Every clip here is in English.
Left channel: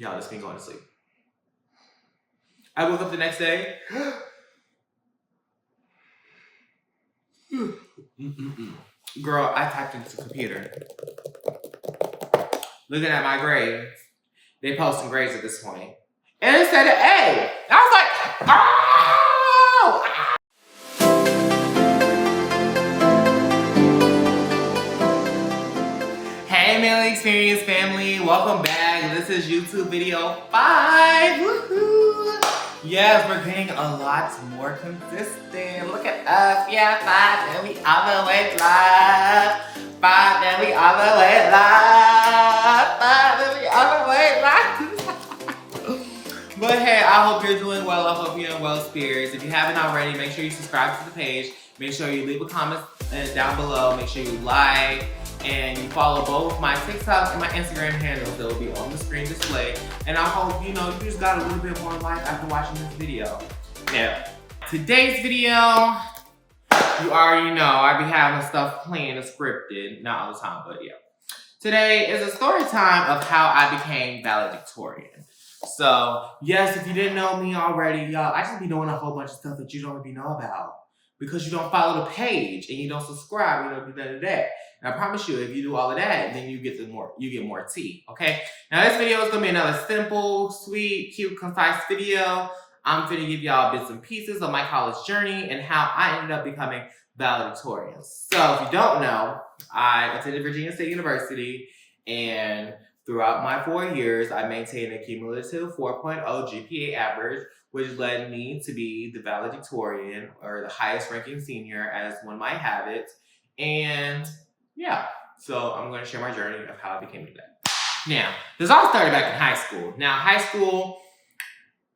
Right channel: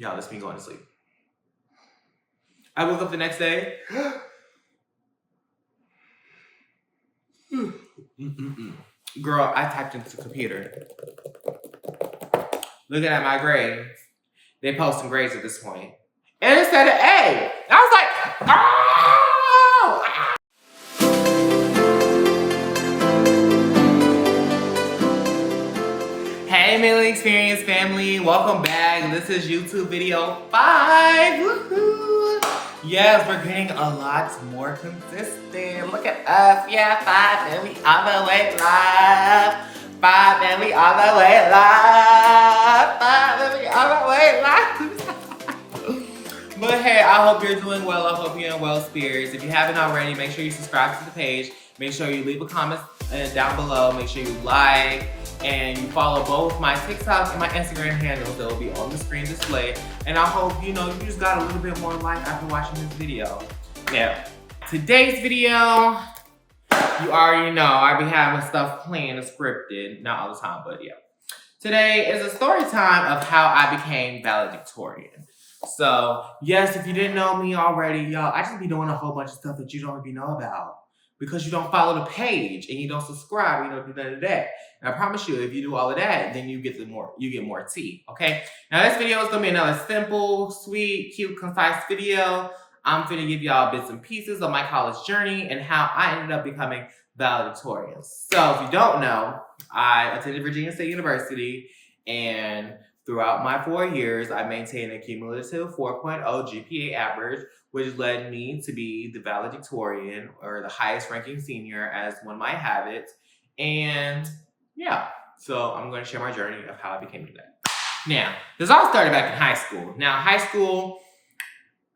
Y'all, this me going to sleep. I woke up the next day. Girl, I typed into the computer. Looking at my grades. They posting grades at this point. And it said an A. I was like, oh! Hey, Millie Experience family. Welcome back. This is YouTube video 5. Woohoo! Yes, we're getting a lot more consistent. Look at us. Yeah, 5 and we all the way live. 5 and we all the way live. 5 and we all the way live. But hey, I hope you're doing well. I hope you're in well spirits. If you haven't already, make sure you subscribe to the page. Make sure you leave a comment down below. Make sure you like and you follow both my TikTok and my Instagram handles that will be on the screen display. And I hope you just got a little bit more life after watching this video. Now, today's video, you already know I be having stuff planned and scripted, not all the time, but yeah. Today is a story time of how I became valedictorian. So, yes, if you didn't know me already, y'all, I just be doing a whole bunch of stuff that you don't even know about because you don't follow the page and you don't subscribe, you don't do none of that. And I promise you, if you do all of that, then you get more tea, okay? Now, this video is gonna be another simple, sweet, cute, concise video. I'm gonna give y'all bits and pieces of my college journey and how I ended up becoming valedictorian. So, if you don't know, I attended Virginia State University, and throughout my 4 years, I maintained a cumulative 4.0 GPA average, which led me to be the valedictorian, or the highest ranking senior, as one might have it. And yeah, so I'm going to share my journey of how I became that. Now, this all started back in high school. Now, high school,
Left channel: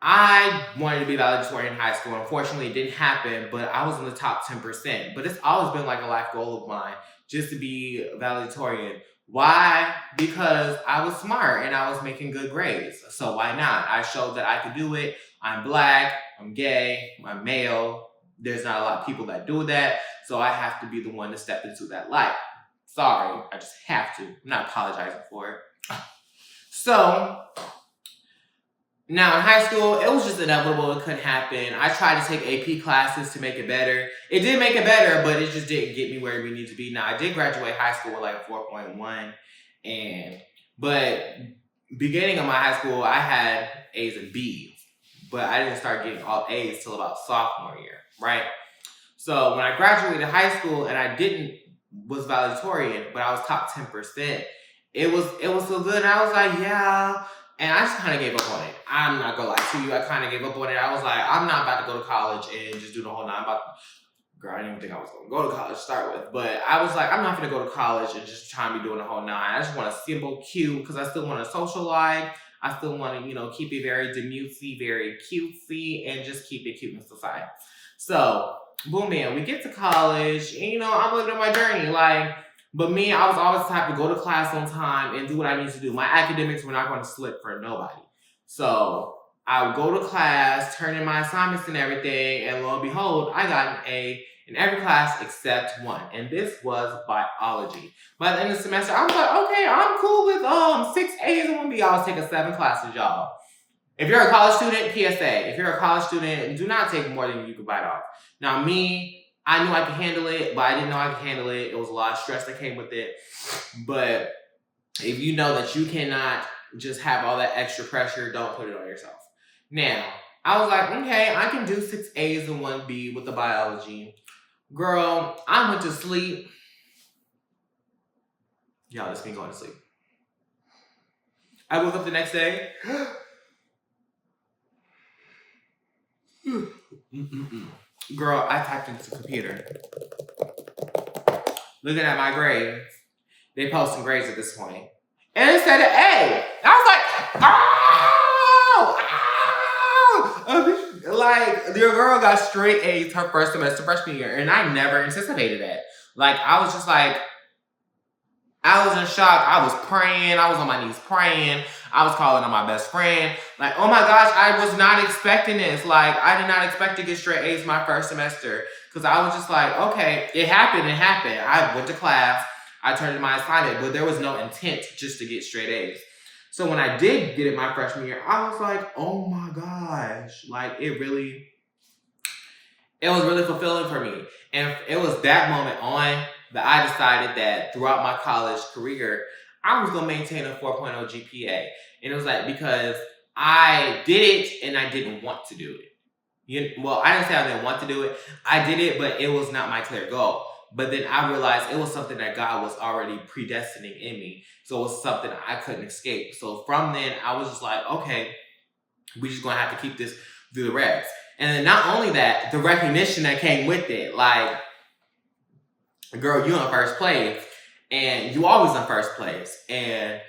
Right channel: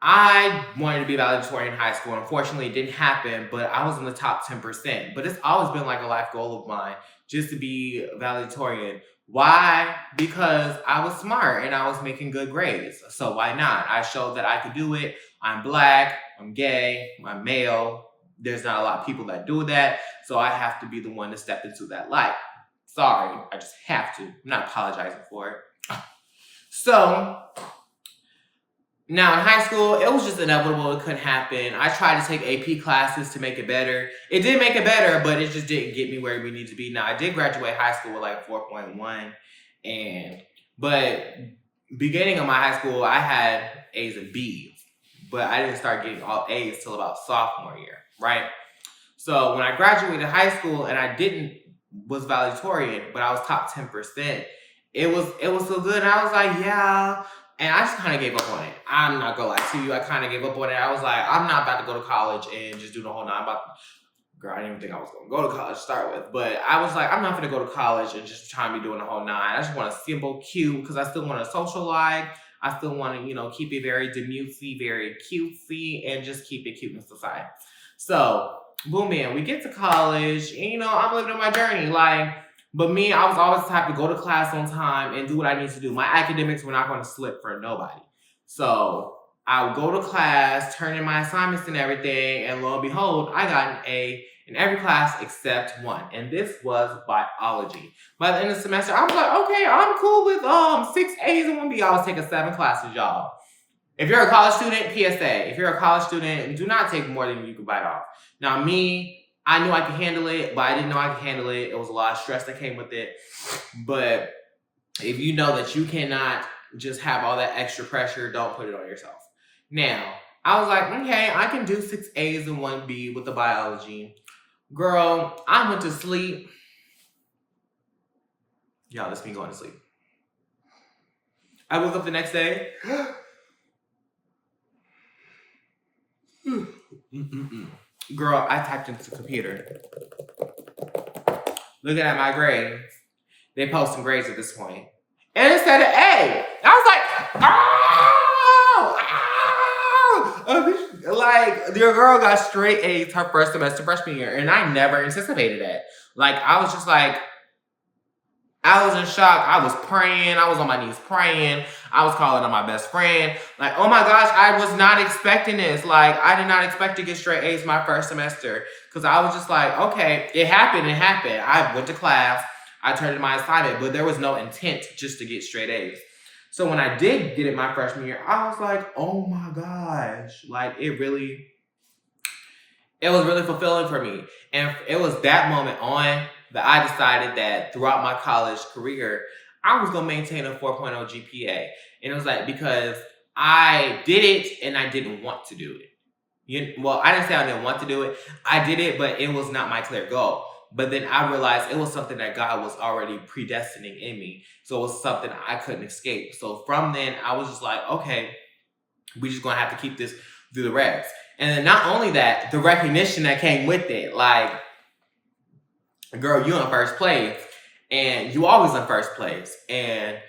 I wanted to be valedictorian in high school. Unfortunately, it didn't happen, but I was in the top 10%. But it's always been like a life goal of mine, just to be valedictorian. Why? Because I was smart and I was making good grades. So why not? I showed that I could do it. I'm black, I'm gay, I'm male. There's not a lot of people that do that. So I have to be the one to step into that light. Sorry, I just have to. I'm not apologizing for it. So now in high school, it was just inevitable. It couldn't happen. I tried to take AP classes to make it better. It did make it better, but it just didn't get me where we need to be. Now, I did graduate high school with like 4.1, but beginning of my high school, I had A's and B's, but I didn't start getting all A's till about sophomore year, right? So when I graduated high school and I was valedictorian, but I was top 10%, it was so good. And I was like, yeah. And I just kind of gave up on it. I'm not gonna lie to you. I kind of gave up on it. I was like, I'm not about to go to college and just do the whole nine. Girl, I didn't even think I was gonna go to college to start with. But I was like, I'm not gonna go to college and just try and be doing the whole nine. I just want a simple, cute, because I still want a social life. I still want to, keep it very demutesy, very cutesy, and just keep it cute in society. So, boom, man, we get to college, and I'm living my journey, But me, I was always the type to go to class on time and do what I need to do. My academics were not going to slip for nobody. So I would go to class, turn in my assignments and everything, and lo and behold, I got an A in every class except one. And this was biology. By the end of the semester, I was like, okay, I'm cool with 6 A's and 1 B. I was taking 7 classes, y'all. If you're a college student, PSA. If you're a college student, do not take more than you can bite off. Now me, I knew I could handle it, but I didn't know I could handle it. It was a lot of stress that came with it. But if you know that you cannot just have all that extra pressure, don't put it on yourself. Now, I was like, okay, I can do 6 A's and 1 B with the biology. Girl, I went to sleep. Y'all, this me going to sleep. I woke up the next day. Girl, I typed into the computer. Looking at my grades. They posting grades at this point. And it said an A. I was like, like, your girl got straight A's her first semester freshman year. And I never anticipated that. I was just like, I was in shock. I was praying. I was on my knees praying. I was calling on my best friend. Oh my gosh, I was not expecting this. I did not expect to get straight A's my first semester. Because I was just like, okay, it happened. I went to class. I turned in my assignment. But there was no intent just to get straight A's. So when I did get it my freshman year, I was like, oh my gosh. Like it was really fulfilling for me. And it was that moment on that I decided that throughout my college career, I was going to maintain a 4.0 GPA. And it was like, because I did it and I didn't want to do it. Well, I didn't say I didn't want to do it. I did it, but it was not my clear goal. But then I realized it was something that God was already predestining in me. So it was something I couldn't escape. So from then, I was just like, okay, we just gonna have to keep this through the regs. And then not only that, the recognition that came with it. Like, girl, you in first place. And you always in first place. And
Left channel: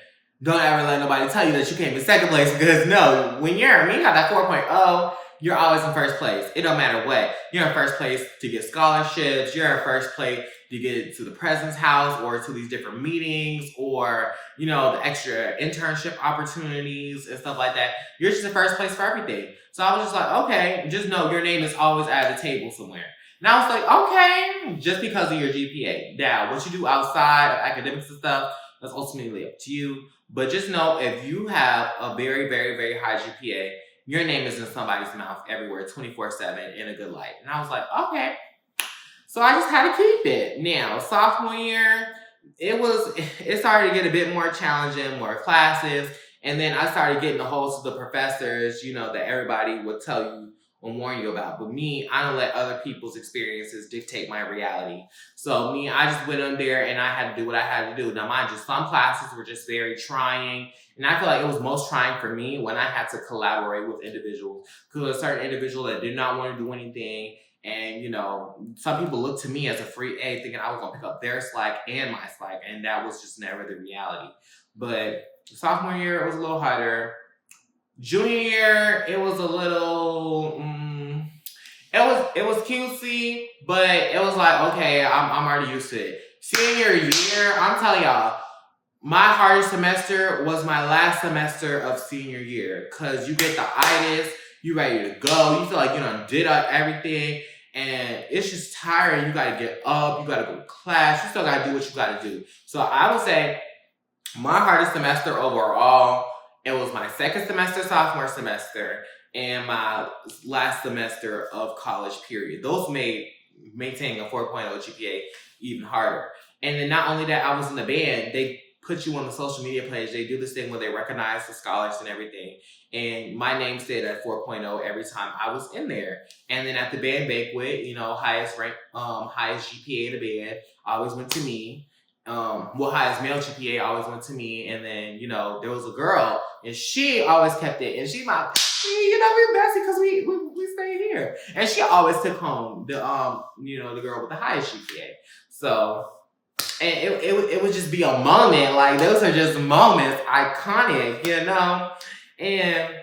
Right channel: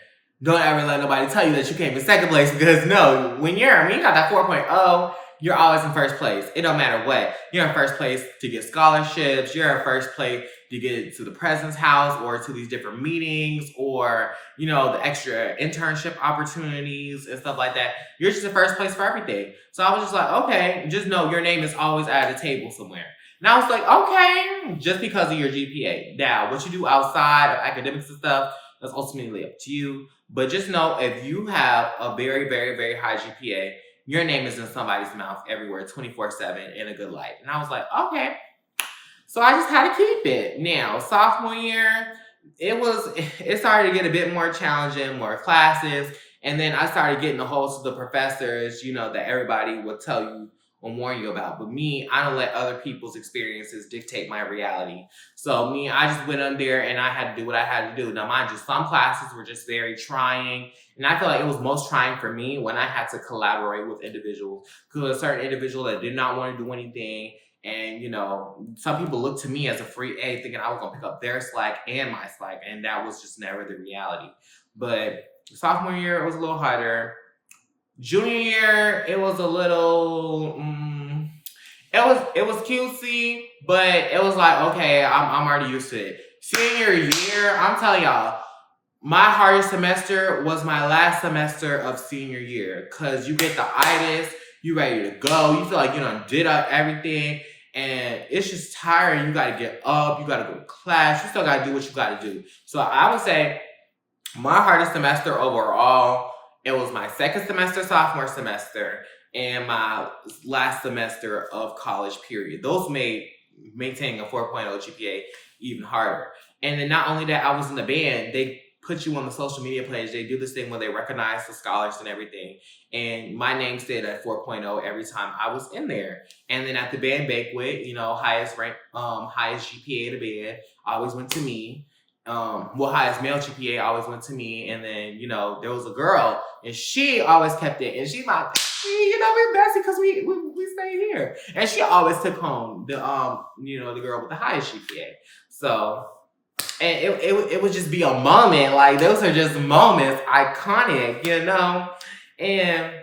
don't ever let nobody tell you that you came in second place, because no, when you got that 4.0, you're always in first place. It don't matter what. You're in first place to get scholarships. You're in first place to get to the president's house or to these different meetings or, the extra internship opportunities and stuff like that. You're just in first place for everything. So I was just like, okay, just know your name is always at a table somewhere. And I was like, okay, just because of your GPA. Now, what you do outside of academics and stuff, that's ultimately up to you. But just know, if you have a very, very, very high GPA, your name is in somebody's mouth everywhere, 24/7 in a good light. And I was like, okay. So I just had to keep it. Now, sophomore year, it started to get a bit more challenging, more classes. And then I started getting a hold of the professors, that everybody would tell you or warn you about. But me, I don't let other people's experiences dictate my reality. So me, I just went on there and I had to do what I had to do. Now, mind you, some classes were just very trying. And I feel like it was most trying for me when I had to collaborate with individuals. Because a certain individual that did not want to do anything. And, some people looked to me as a free A, thinking I was going to pick up their slack and my slack. And that was just never the reality. But sophomore year, it was a little harder. Junior year, it was a little, it was cutesy, but it was like, okay, I'm already used to it. Senior year, I'm telling y'all, my hardest semester was my last semester of senior year, because you get the itis, you ready to go, you feel like you done did everything, and it's just tiring. You got to get up, you got to go to class, you still got to do what you got to do. So I would say my hardest semester overall, it was my second semester, sophomore semester, and my last semester of college period. Those made maintaining a 4.0 GPA even harder. And then not only that, I was in the band. They put you on the social media page. They do this thing where they recognize the scholars and everything. And my name stayed at 4.0 every time I was in there. And then at the band banquet, highest GPA in the band always went to me. Highest male GPA always went to me. And then, there was a girl and she always kept it. And she's like, we're bestie because we stay here. And she always took home the girl with the highest GPA. So, and it would just be a moment. Like, those are just moments, iconic, and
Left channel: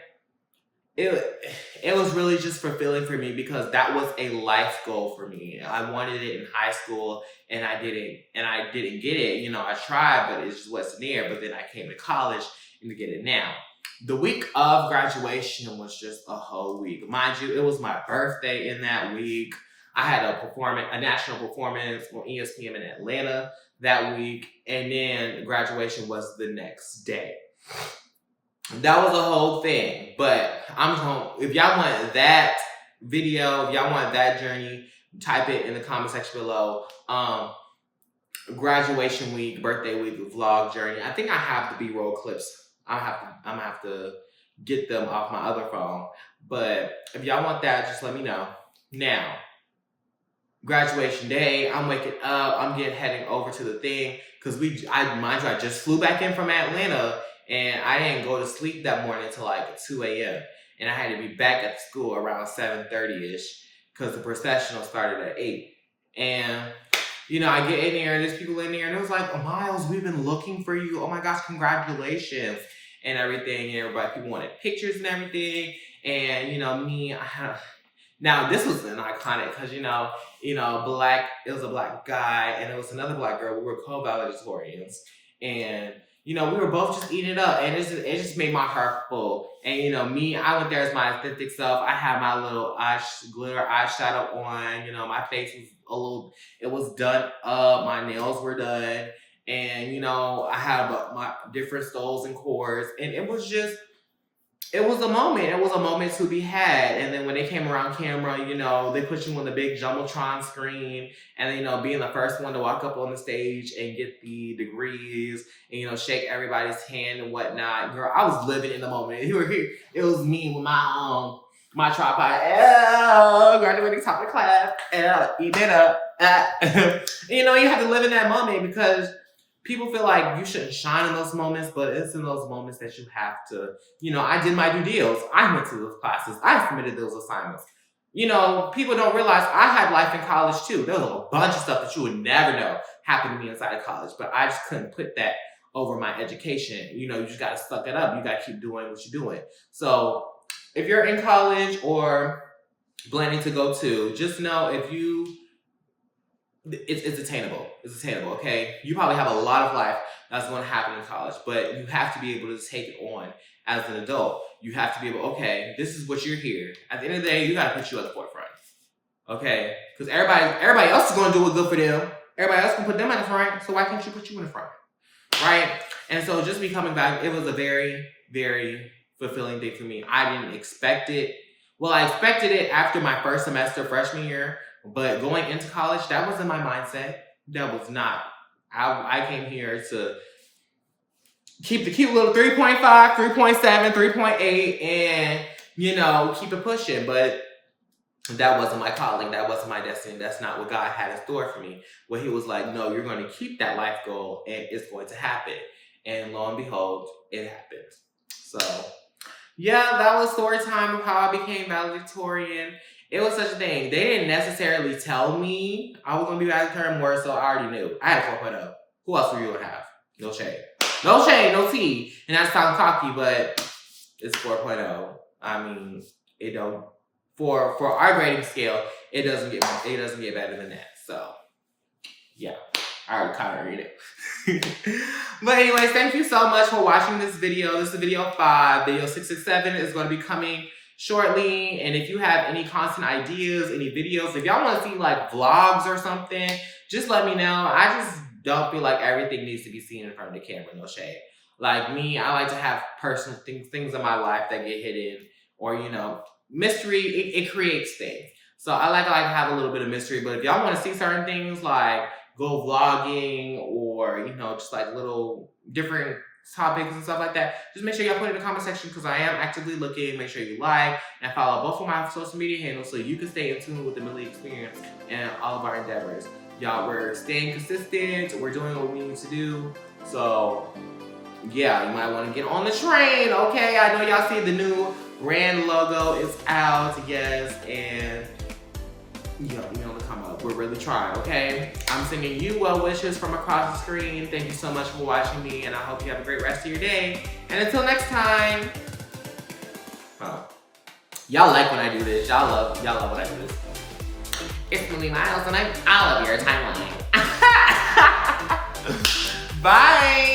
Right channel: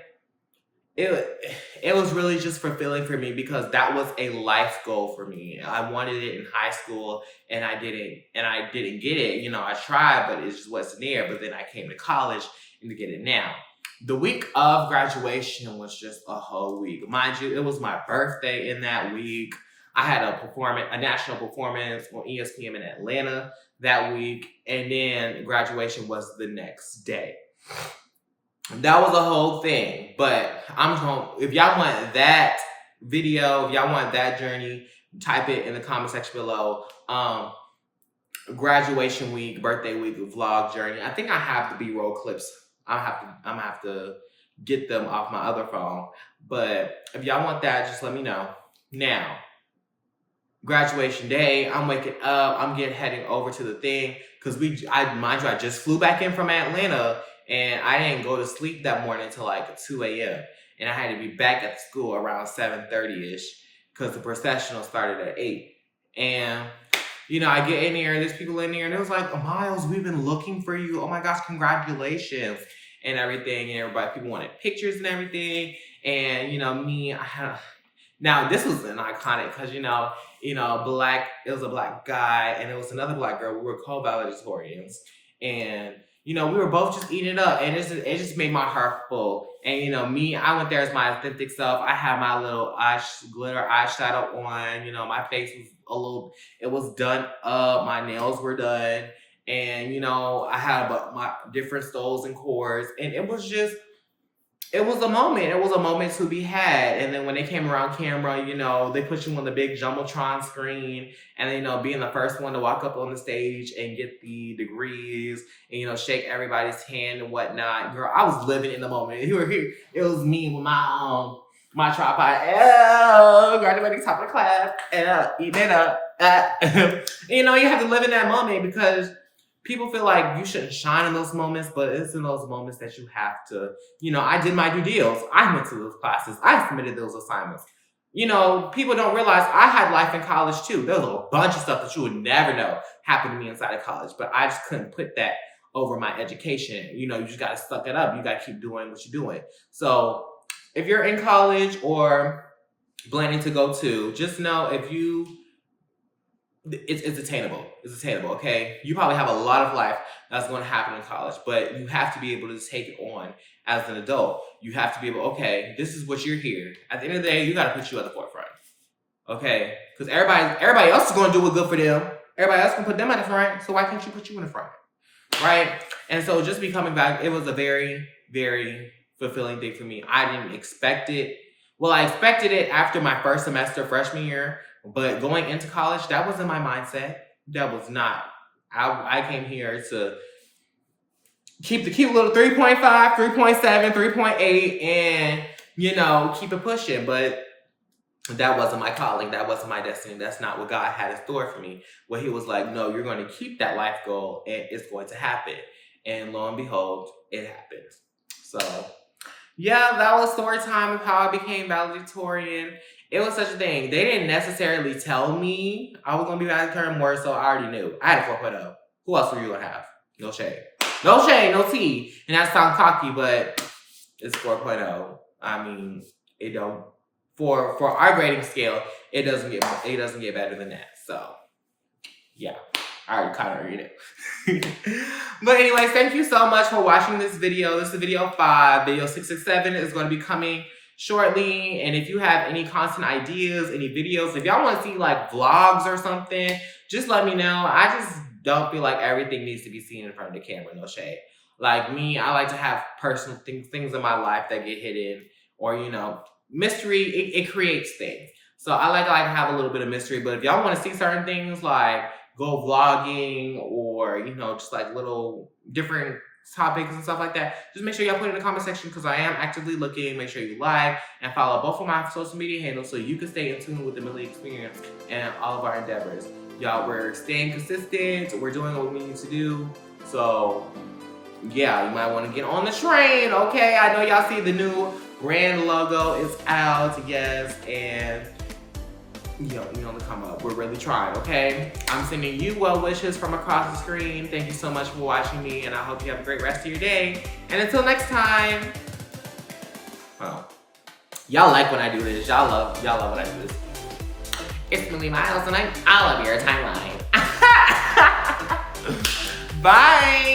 it was really just fulfilling for me, because that was a life goal for me. I wanted it in high school and I didn't get it. I tried, but it just wasn't there. But then I came to college and to get it now. The week of graduation was just a whole week. Mind you, it was my birthday in that week. I had a national performance on ESPN in Atlanta that week. And then graduation was the next day. That was a whole thing. But if y'all want that video, if y'all want that journey, type it in the comment section below. Graduation week, birthday week, vlog journey. I think I have the B-roll clips. I'm gonna have to get them off my other phone. But if y'all want that, just let me know. Now, graduation day, I'm waking up, I'm heading over to the thing, because I just flew back in from Atlanta, and I didn't go to sleep that morning until like 2 a.m. And I had to be back at school around 7:30ish, because the processional started at 8. And I get in there, and there's people in there, and it was like, oh, Miles, we've been looking for you. Oh my gosh, congratulations and everything. And people wanted pictures and everything. And me, now this was an iconic, because it was a black guy and it was another black girl. We were co-valedictorians, and we were both just eating it up, and it just made my heart full. And me, I went there as my authentic self. I had my little glitter eyeshadow on. My face was it was done up. My nails were done, And, you know, I had my different stoles and chords, and it was just, it was a moment. It was a moment to be had. And then when they came around camera, you know, they put you on the big Jumbotron screen, and then, you know, being the first one to walk up on the stage and get the degrees and, you know, shake everybody's hand and whatnot. Girl, I was living in the moment. You were here. It was me with my tripod. Graduating top of the class. Eating it up. You know, you have to live in that moment because people feel like you shouldn't shine in those moments, but it's in those moments that you have to, you know, I did my due deals. I went to those classes. I submitted those assignments. You know, people don't realize I had life in college too. There was a bunch of stuff that you would never know happened to me inside of college, but I just couldn't put that over my education. You know, you just got to suck it up. You got to keep doing what you're doing. So if you're in college or planning to go to, just know it's attainable. It's attainable, okay? You probably have a lot of life that's going to happen in college, but you have to be able to take it on as an adult. You have to be able, okay, this is what you're here. At the end of the day, you got to put you at the forefront, okay? Because everybody else is going to do what's good for them. Everybody else can put them at the front, so why can't you put you in the front, right? And so just becoming back, it was a very, very fulfilling thing for me. I didn't expect it. Well, I expected it after my first semester freshman year, but going into college, that wasn't my mindset. That was not. I came here to keep the cute little 3.5, 3.7, 3.8, and, you know, keep it pushing. But that wasn't my calling. That wasn't my destiny. That's not what God had in store for me. Where he was like, no, you're going to keep that life goal, and it's going to happen. And lo and behold, it happens. So, yeah, that was story time of how I became valedictorian. It was such a thing. They didn't necessarily tell me I was going to be valedictorian more, so I already knew. I had a 4.0. Who else were you going to have? No shade. No shade, no tea. And that sounds cocky, but it's 4.0. I mean, it don't, for our grading scale, it doesn't get better than that. So, yeah. I already kind of read it. But anyways, thank you so much for watching this video. This is video 5. Video 667 is going to be coming shortly. And if you have any content ideas, any videos, if y'all want to see like vlogs or something, just let me know. I just don't feel like everything needs to be seen in front of the camera, no shade. Like me, I like to have personal things in my life that get hidden, or, you know, mystery, it creates things. So I like to have a little bit of mystery, but if y'all want to see certain things like go vlogging or, you know, just like little different topics and stuff like that, just make sure y'all put it in the comment section because I am actively looking. Make sure you like and follow both of my social media handles so you can stay in tune with the Millie experience and all of our endeavors. Y'all, we're staying consistent. We're doing what we need to do. So, yeah, you might want to get on the train, okay? I know y'all see the new brand logo is out, yes, and you know, to come up. We're really trying, okay? I'm sending you well wishes from across the screen. Thank you so much for watching me, and I hope you have a great rest of your day. And until next time, oh, y'all like when I do this. Y'all love when I do this. It's Millie Miles, and I'm all of your timeline. Bye.